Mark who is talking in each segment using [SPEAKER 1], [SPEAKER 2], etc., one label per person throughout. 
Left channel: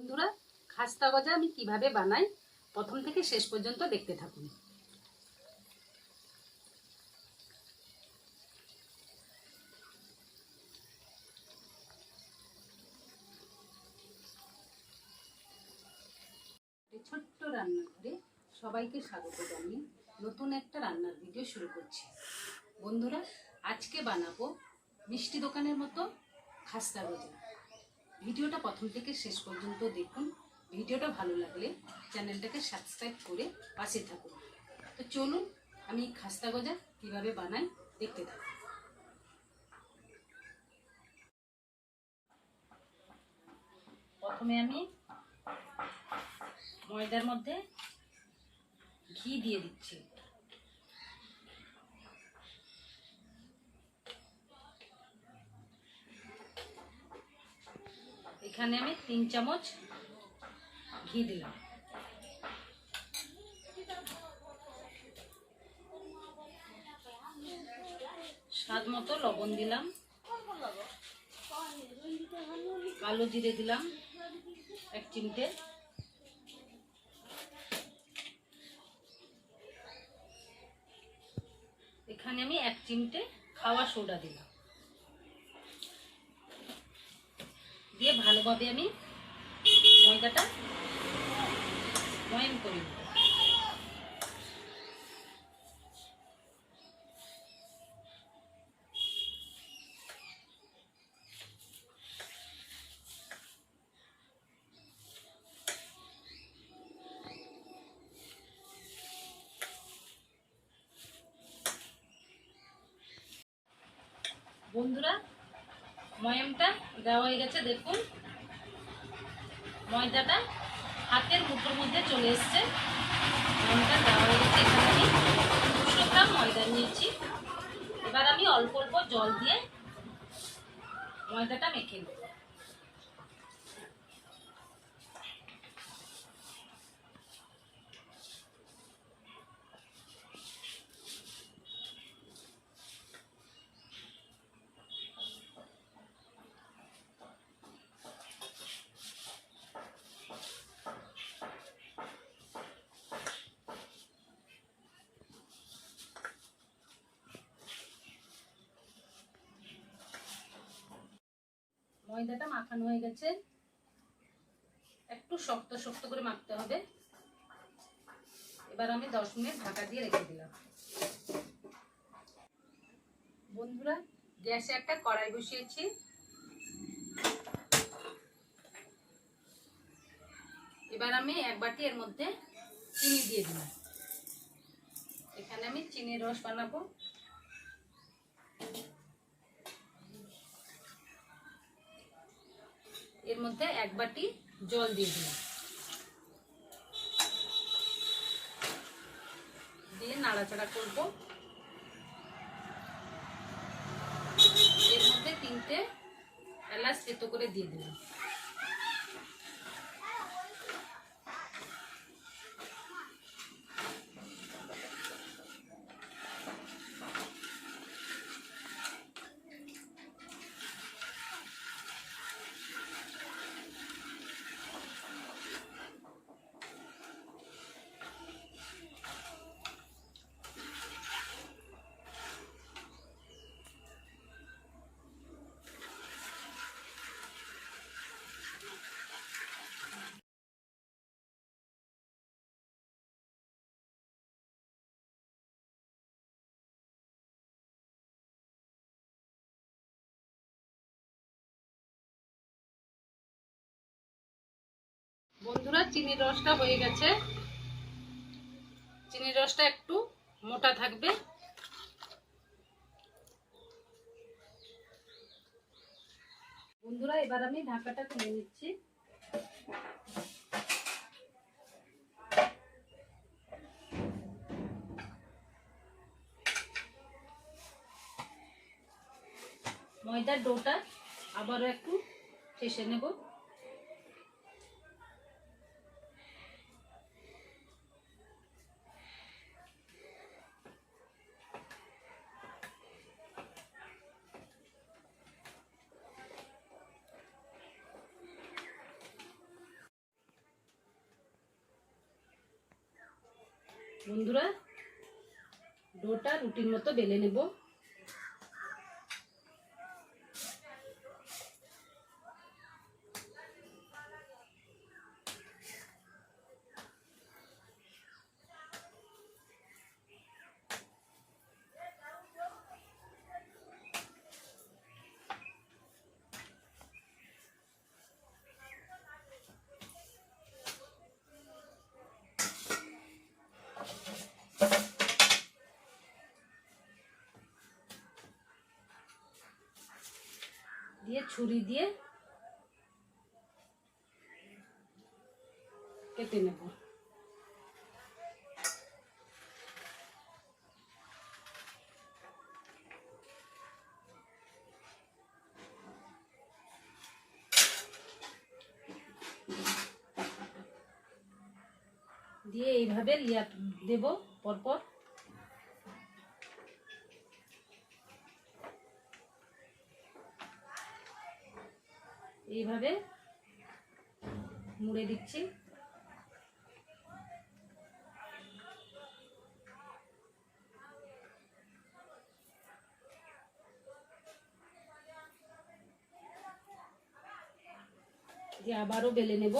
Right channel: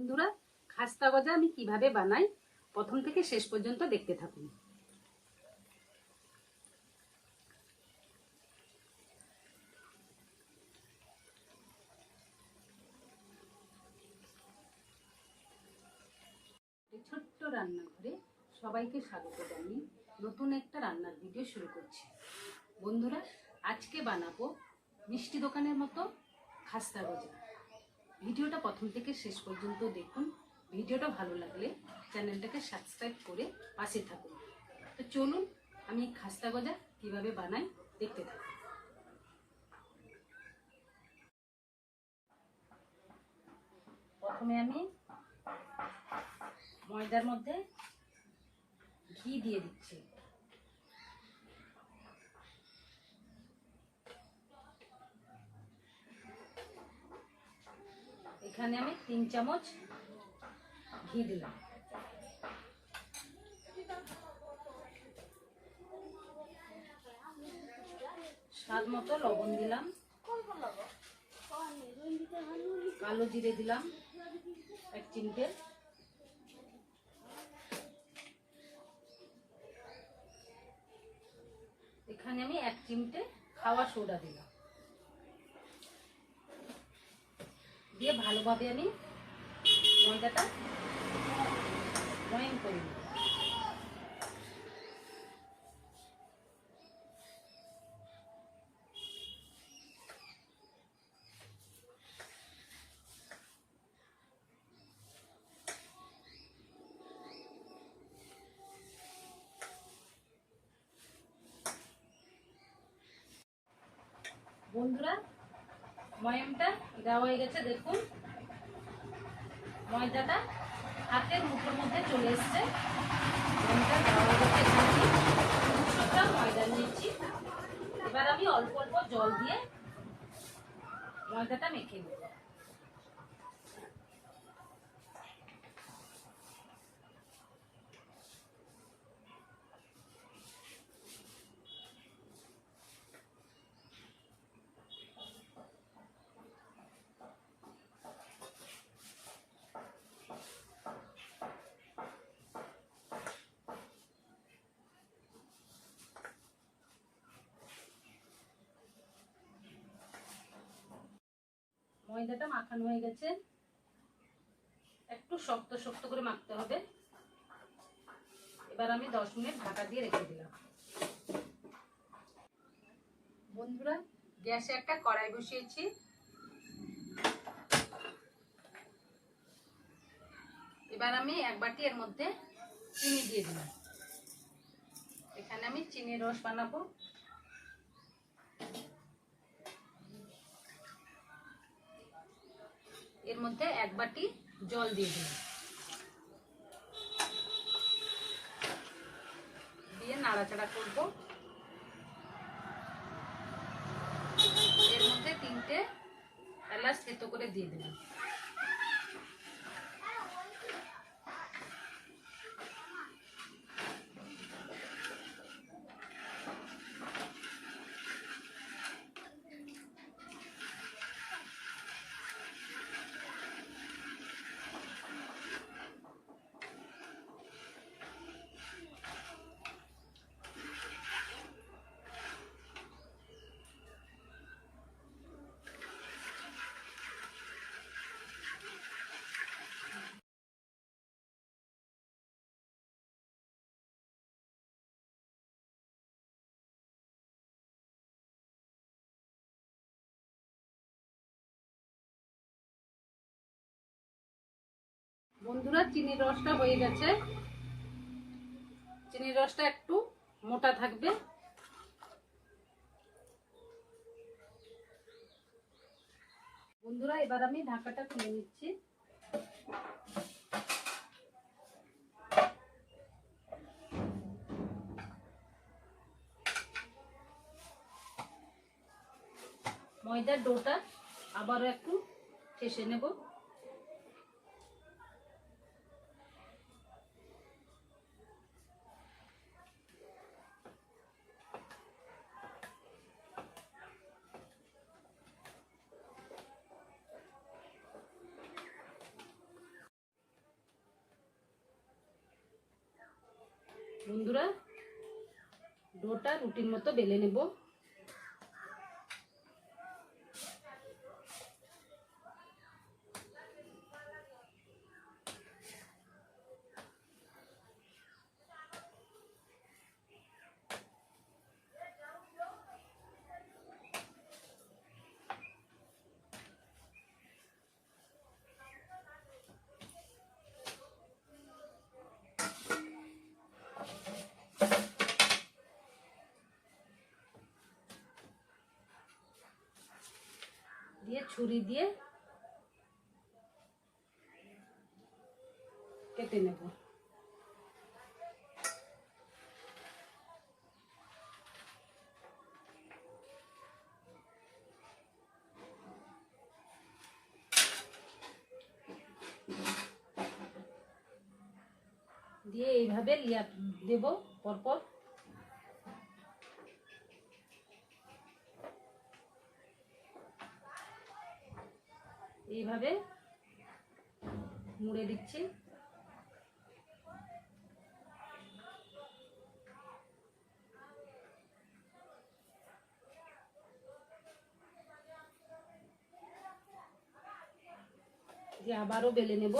[SPEAKER 1] বন্ধুরা, খাস্তা গজা আমি কীভাবে বানাই প্রথম থেকে শেষ পর্যন্ত দেখতে থাকুন। ছোট্ট রান্নাঘরে সবাইকে স্বাগত জানিয়ে নতুন একটা রান্নার ভিডিও শুরু করছি। বন্ধুরা, আজকে বানাবো মিষ্টি দোকানের মতো খাস্তা গজা। ভিডিওটা প্রথম থেকে শেষ পর্যন্ত দেখুন। ভিডিওটা ভালো লাগলে চ্যানেলটাকে সাবস্ক্রাইব করে পাশে থাকুন। তো চলুন, আমি খাস্তা গজা কীভাবে বানাই দেখতে থাকুন। প্রথমে আমি ময়দার মধ্যে ঘি দিয়ে দিচ্ছি। এখানে আমি তিন চামচ ঘি দিলাম। স্বাদ মতো লবণ দিলাম। কালো জিরে দিলাম, এক চিমটে। এখানে আমি এক চিমটে খাওয়া সোডা দিলাম। দিয়ে ভালোভাবে আমি ময়দাটা ময়ন করে নেব ময়ামটা দেওয়া হয়ে গেছে, দেখুন। ময়দাটা হাতের মুঠোর মধ্যে চলে এসছে। ময়ামটা দেওয়া হয়ে গেছে এখানে আমি দুশো গ্রাম ময়দা নিয়েছি। এবার আমি অল্প অল্প জল দিয়ে ময়দাটা মেখে নেব। ময়দাটা মাখানো হয়ে গেছে। একটু শক্ত শক্ত করে মাখতে হবে। এবার আমি দশ মিনিট ঢাকা দিয়ে রেখে দিলাম। বন্ধুরা, গ্যাসে একটা কড়াই বসিয়েছি। এবার আমি এক বাটি এর মধ্যে চিনি দিয়ে দিলাম। এখানে আমি চিনির রস বানাবো। এর মধ্যে এক বাটি জল দিয়ে দিলাম। দিয়ে নাড়াচাড়া করব। এর মধ্যে তিনটে এলাচ থেতো করে দিয়ে দিলাম। বন্ধুরা, চিনির রসটা হয়ে গেছে। চিনির রসটা একটু মোটা থাকবে। বন্ধুরা, এবার আমি ঢাকাটা খুলে নিচ্ছি। ময়দার ডোটা আবারও একটু ফেসে নেব। বন্ধুরা ডোটা রুটির মতো বেলে নেব। ছুরি দিয়ে কেটে নেব। দিয়ে এইভাবে লিয়া দেব পরপর। এইভাবে মুড়ে দিচ্ছি। দিয়ে আবারও বেলে নেব।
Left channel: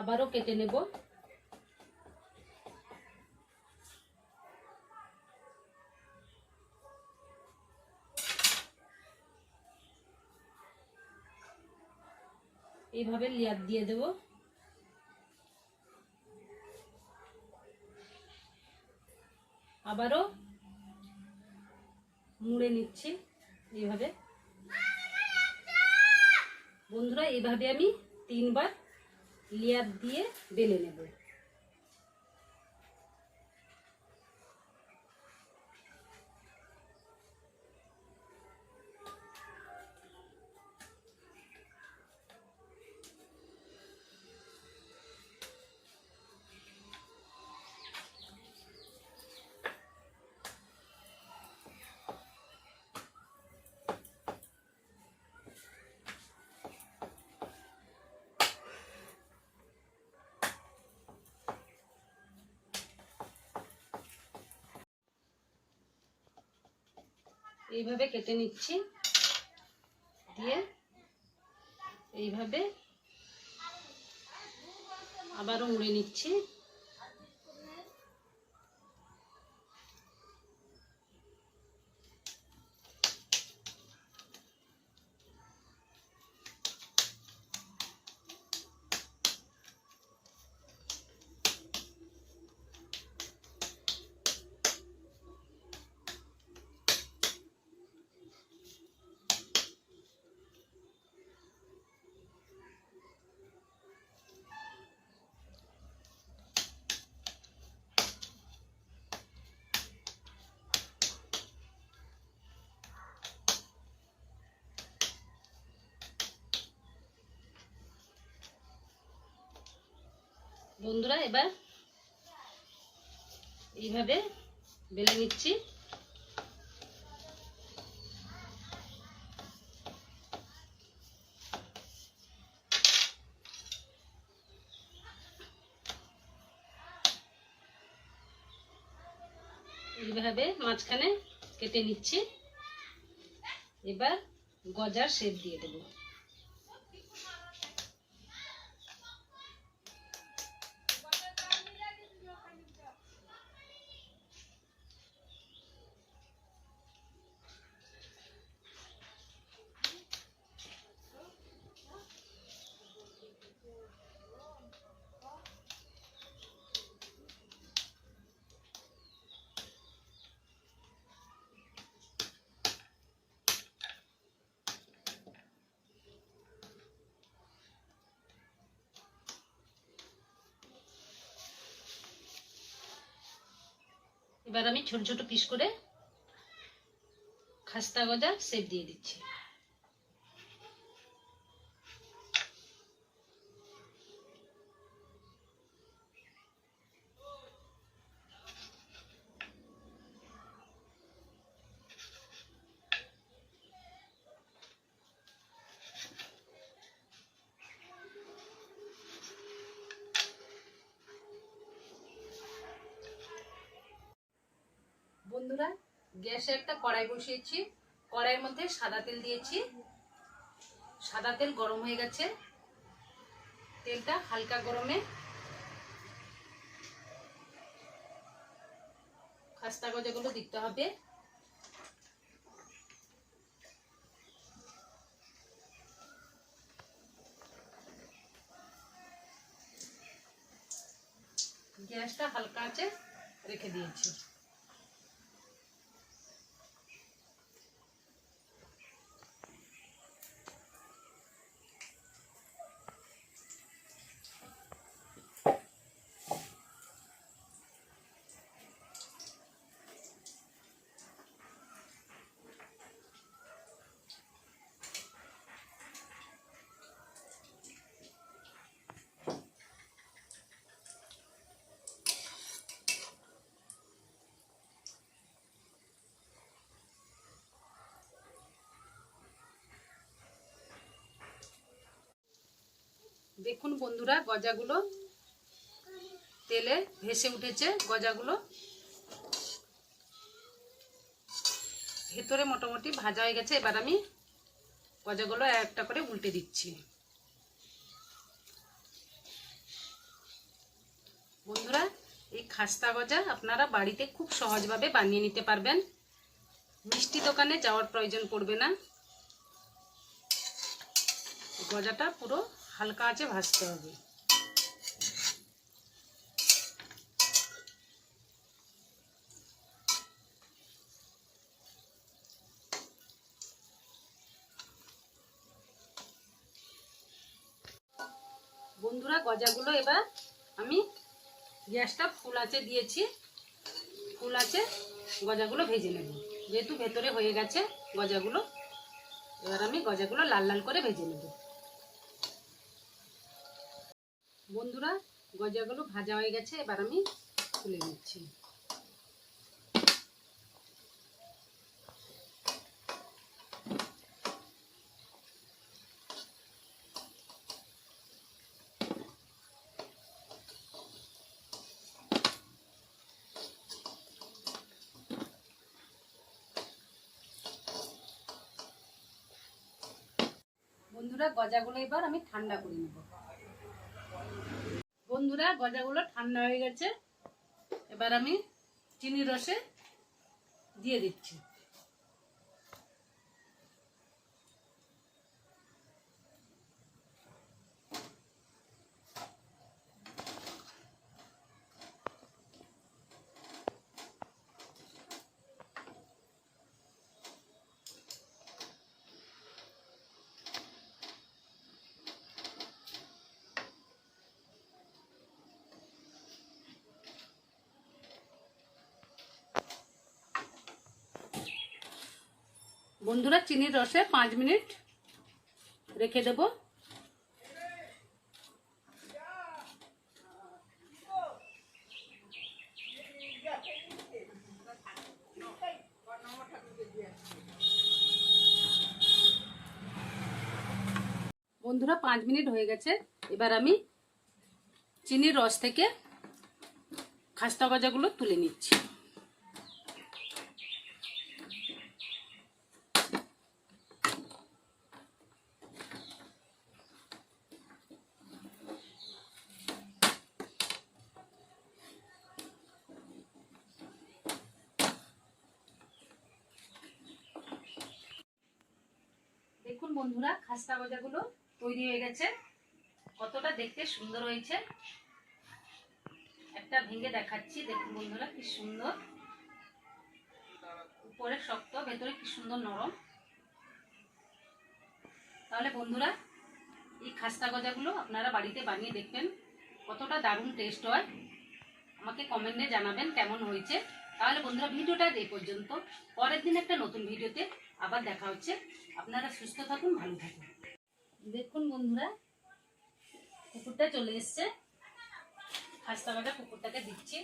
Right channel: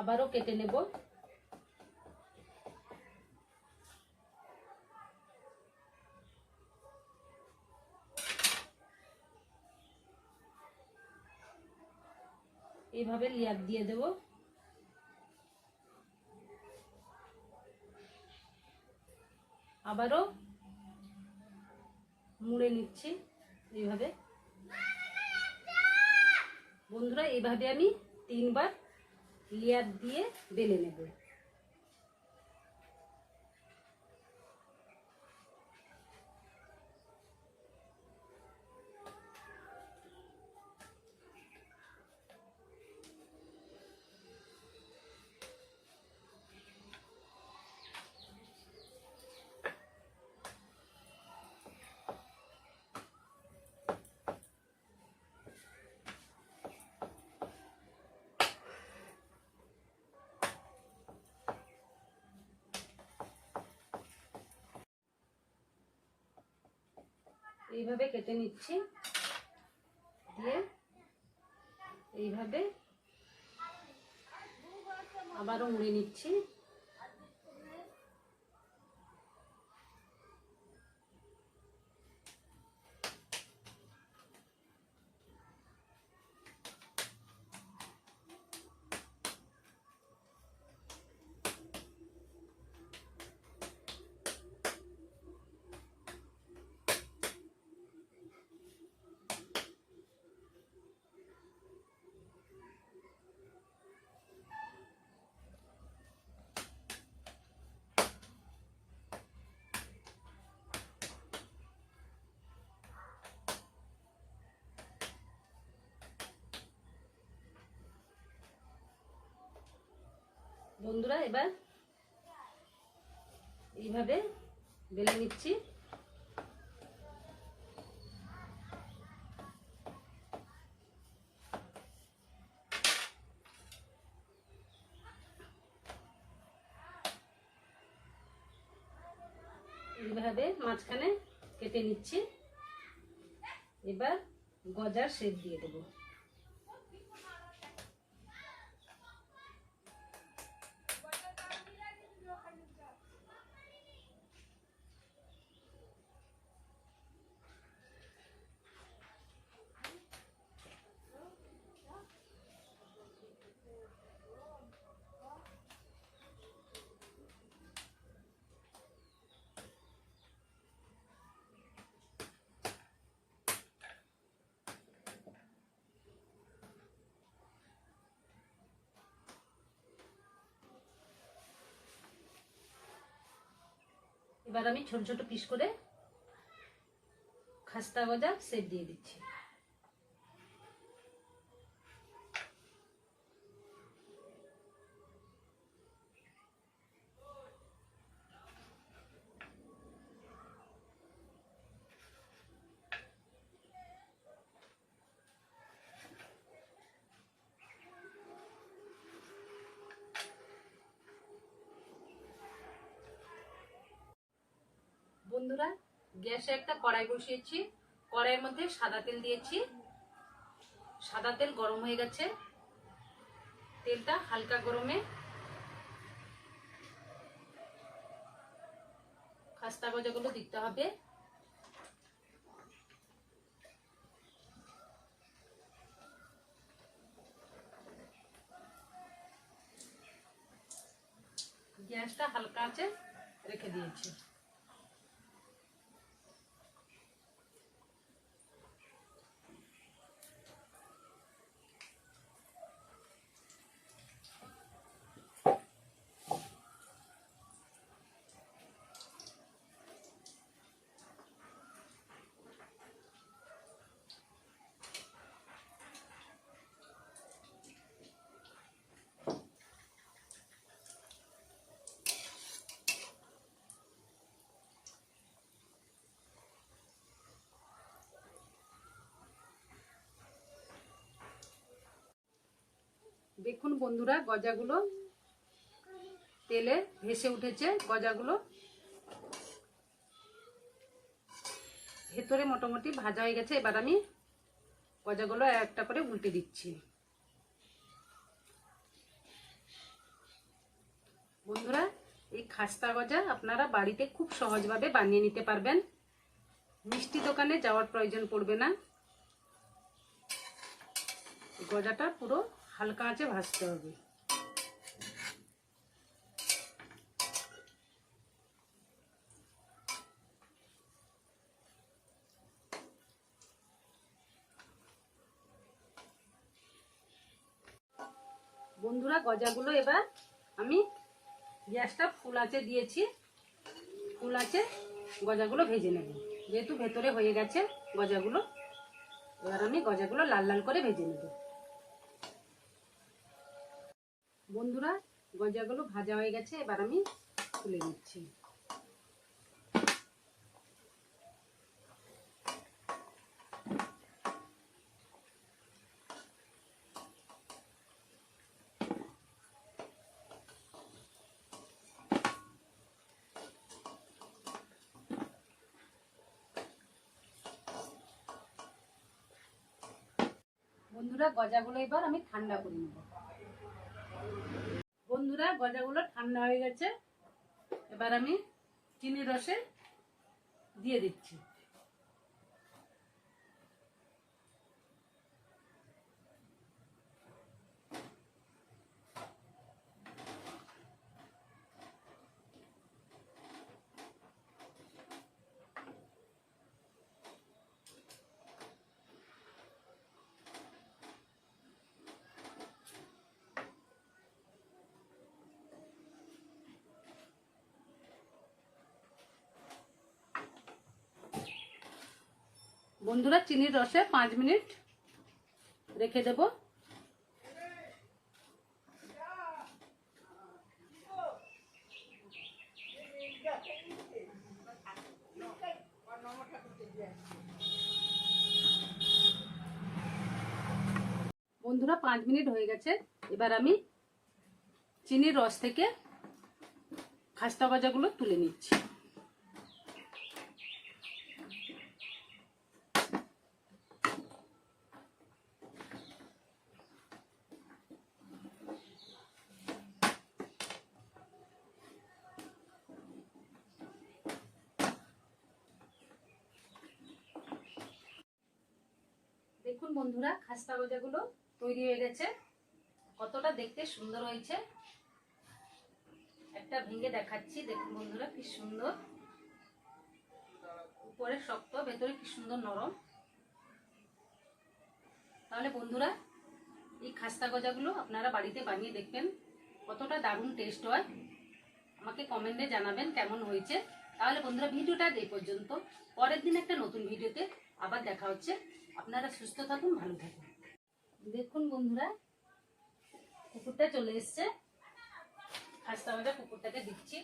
[SPEAKER 1] আবারও কেটে নেব। এইভাবে লেয়ার দিয়ে দেব। আবারও মুড়ে নিচ্ছি এইভাবে। বন্ধুরা, এইভাবে আমি তিনবার লেয়ার দিয়ে বেলে নেব। এইভাবে কেটে নিচ্ছি। দিয়ে এইভাবে আবারও মুড়ে নিচ্ছি। বন্ধুরা এবার এইভাবে বেলে নিচ্ছি। এইভাবে মাঝখানে কেটে নিচ্ছি। এবার গজার শেপ দিয়ে দেবো। এবার আমি ছোট ছোট পিস করে খাস্তা গজা সেপ দিয়ে দিচ্ছি। বন্ধুরা, গ্যাসে একটা কড়াই বসিয়েছি। কড়াইয়ের মধ্যে সাদা তেল দিয়েছি। সাদা তেল গরম হয়ে গেছে। তেলটা হালকা গরমে খাস্তা গজাগুলো দিতে হবে। গ্যাসটা হালকা আছে, রেখে দিয়েছি। দেখুন বন্ধুরা, গজাগুলো তেলে ভেসে উঠেছে, গজাগুলো। ভেতরে মোটামুটি ভাজা হয়ে গেছে, এবার আমি গজাগুলো একটা করে উল্টে দিচ্ছি। বন্ধুরা, এই খাস্তা গজা আপনারা বাড়িতে খুব সহজভাবে বানিয়ে নিতে পারবেন। মিষ্টি দোকানে যাওয়ার প্রয়োজন পড়বে না। গজাটা পুরো হালকা আঁচে ভাজতে হবে। বন্ধুরা, গজাগুলো এবার আমি গ্যাসটা ফুল আঁচে দিয়েছি। ফুল আঁচে গজাগুলো ভেজে নেব। যেহেতু ভেতরে হয়ে গেছে গজাগুলো, এবার আমি গজাগুলো লাল লাল করে ভেজে নেব। বন্ধুরা, গজাগুলো ভাজা হয়ে গেছে, এবার আমি তুলে নিচ্ছি। বন্ধুরা, গজাগুলো এবার আমি ঠান্ডা করে নেব। বন্ধুরা গজাগুলো ঠান্ডা হয়ে গেছে। এবার আমি চিনি রসে দিয়ে দিচ্ছি। বন্ধুরা চিনির রসে পাঁচ মিনিট রেখে দেব। বন্ধুরা পাঁচ মিনিট হয়ে গেছে। এবার আমি চিনির রস থেকে খাস্তা গজাগুলো তুলে নিচ্ছি। দেখুন বন্ধুরা, খাস্তা গজাগুলো তৈরি হয়ে গেছে। কতটা দেখতে সুন্দর হয়েছে। একটা ভেঙে দেখাচ্ছি, দেখুন বন্ধুরা কি সুন্দর। উপরে শক্ত, ভেতরে কি সুন্দর নরম। তাহলে বন্ধুরা, এই খাস্তা গজাগুলো আপনারা বাড়িতে বানিয়ে দেখবেন। কতটা দারুণ টেস্ট হয়। আমাকে কমেন্টে জানাবেন কেমন হয়েছে। তাহলে বন্ধুরা, ভিডিওটা এই পর্যন্ত। পরের দিন একটা নতুন ভিডিওতে আবার দেখা হচ্ছে। আপনারা সুস্থ থাকুন ভালো থাকুন। দেখুন বন্ধুরা কুকুরটা চলে এসছে। খাস্তা বাজা কুকুরটাকে দিচ্ছি।